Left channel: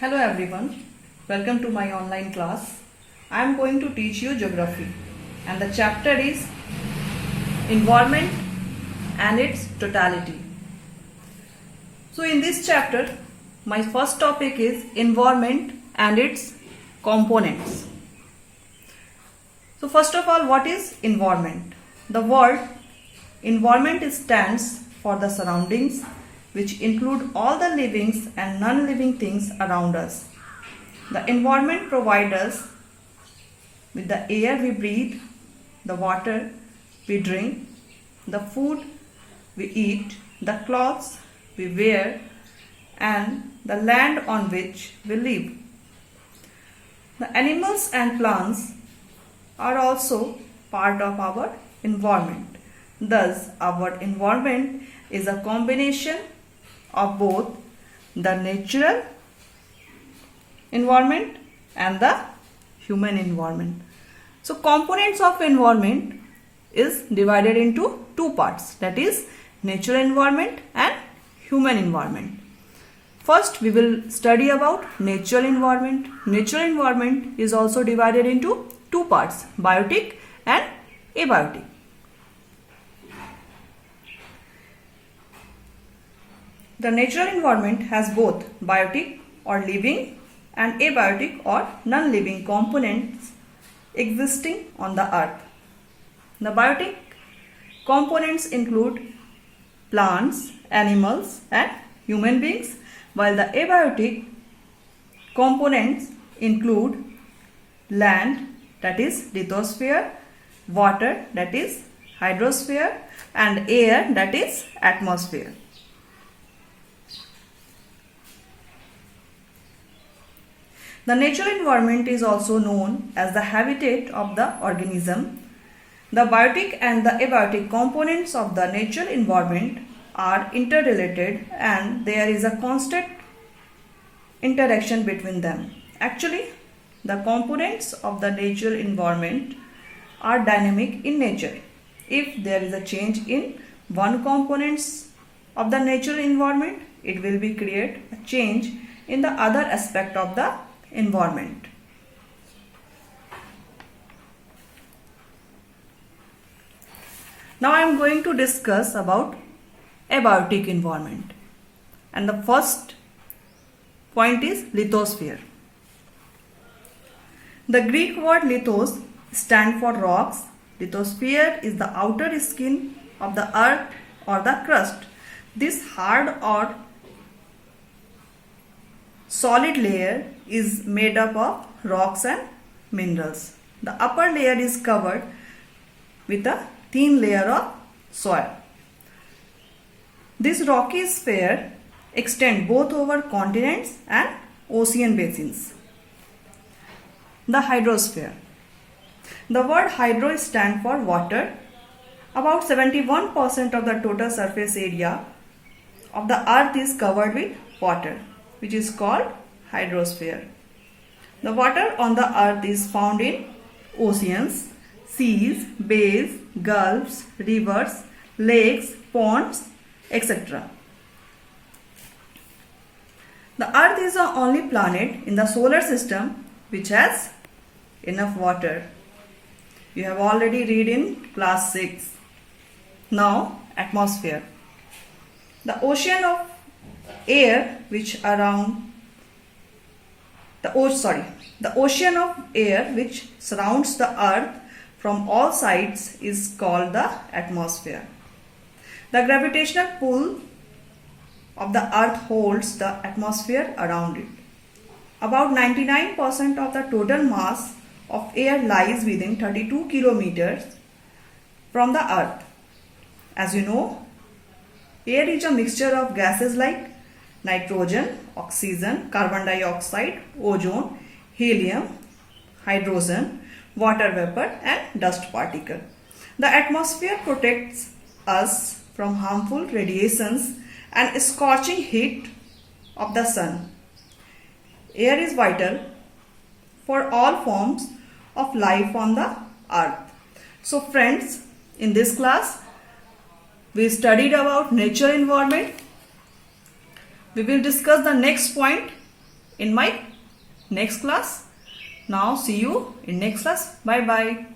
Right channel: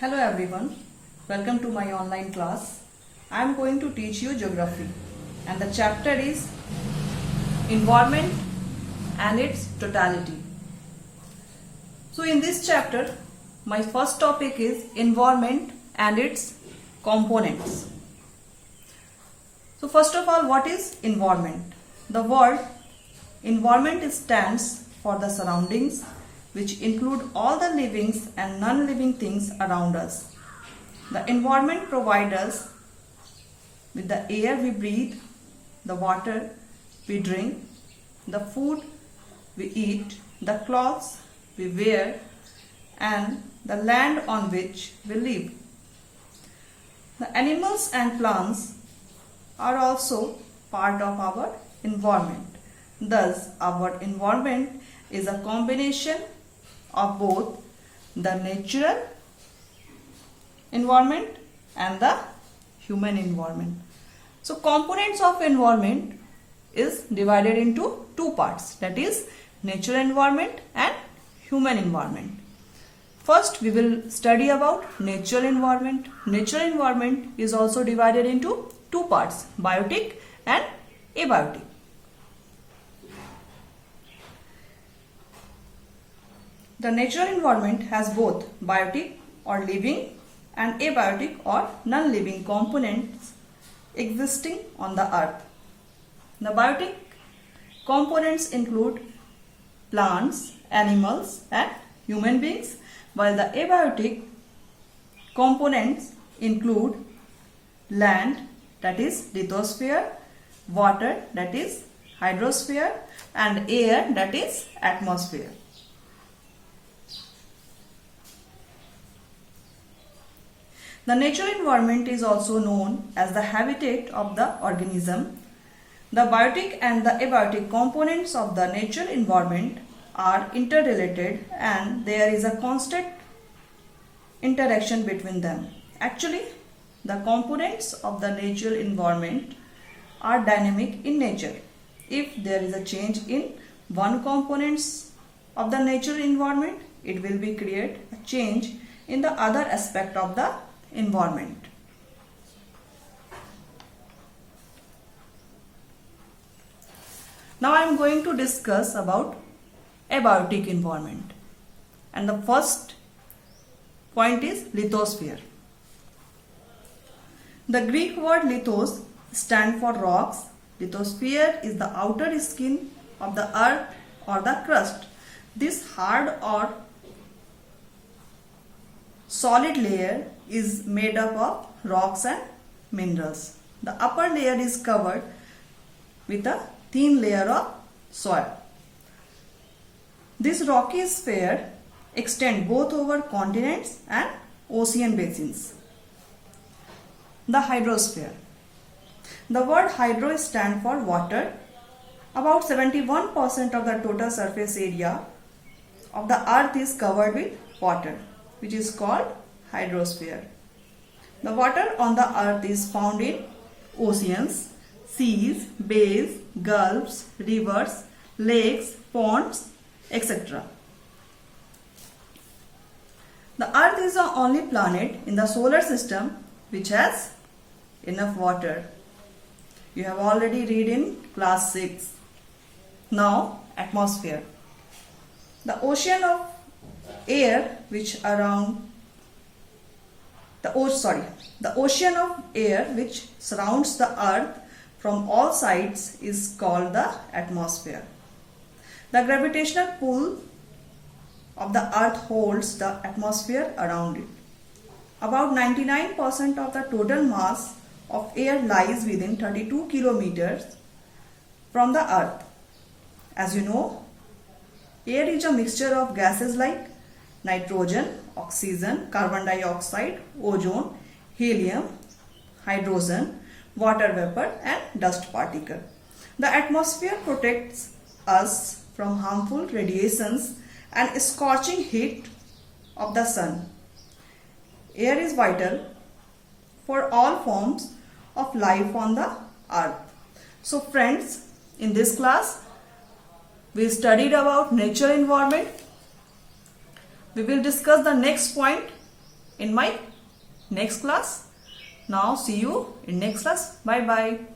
Hello everyone, welcome to my online class. I am going to teach you geography and the chapter is environment and its totality. So in this chapter, my first topic is environment and its components. So first of all, what is environment? The word environment stands for the surroundings which include all the living and non-living things around us. The environment provides us with the air we breathe, the water we drink, the food we eat, the clothes we wear, and the land on which we live. The animals and plants are also part of our environment. Thus, our environment is a combination of both the natural environment and the human environment. So components of environment is divided into two parts, that is natural environment and human environment. First we will study about natural environment. Natural environment is also divided into two parts, biotic and abiotic. The natural environment has both biotic or living and abiotic or non-living components existing on the earth. The biotic components include plants, animals and human beings, while the abiotic components include land, that is lithosphere, water, that is hydrosphere, and air, that is atmosphere. The natural environment is also known as the habitat of the organism. The biotic and the abiotic components of the natural environment are interrelated and there is a constant interaction between them. Actually, the components of the natural environment are dynamic in nature. If there is a change in one component of the natural environment, it will be create a change in the other aspect of the environment. Now I am going to discuss about abiotic environment, and the first point is lithosphere. The Greek word lithos stands for rocks. Lithosphere is the outer skin of the earth or the crust. This hard or solid layer is made up of rocks and minerals. The upper layer is covered with a thin layer of soil. This rocky sphere extends both over continents and ocean basins. The hydrosphere. The word hydro stands for water. About 71% of the total surface area of the earth is covered with water, which is called hydrosphere. The water on the earth is found in oceans, seas, bays, gulfs, rivers, lakes, ponds, etc. The earth is the only planet in the solar system which has enough water. You have already read in class 6. Now, atmosphere. The ocean of air which around the ocean of air which surrounds the earth from all sides is called the atmosphere. The gravitational pull of the earth holds the atmosphere around it. About 99% of the total mass of air lies within 32 kilometers from the earth. As you know, air is a mixture of gases like nitrogen, oxygen, carbon dioxide, ozone, helium, hydrogen, water vapor and dust particle. The atmosphere protects us from harmful radiations and scorching heat of the sun. Air is vital for all forms of life on the earth. So friends, in this class, we studied about natural environment. We will discuss the next point, in my next class. Now see you in next class. Bye bye.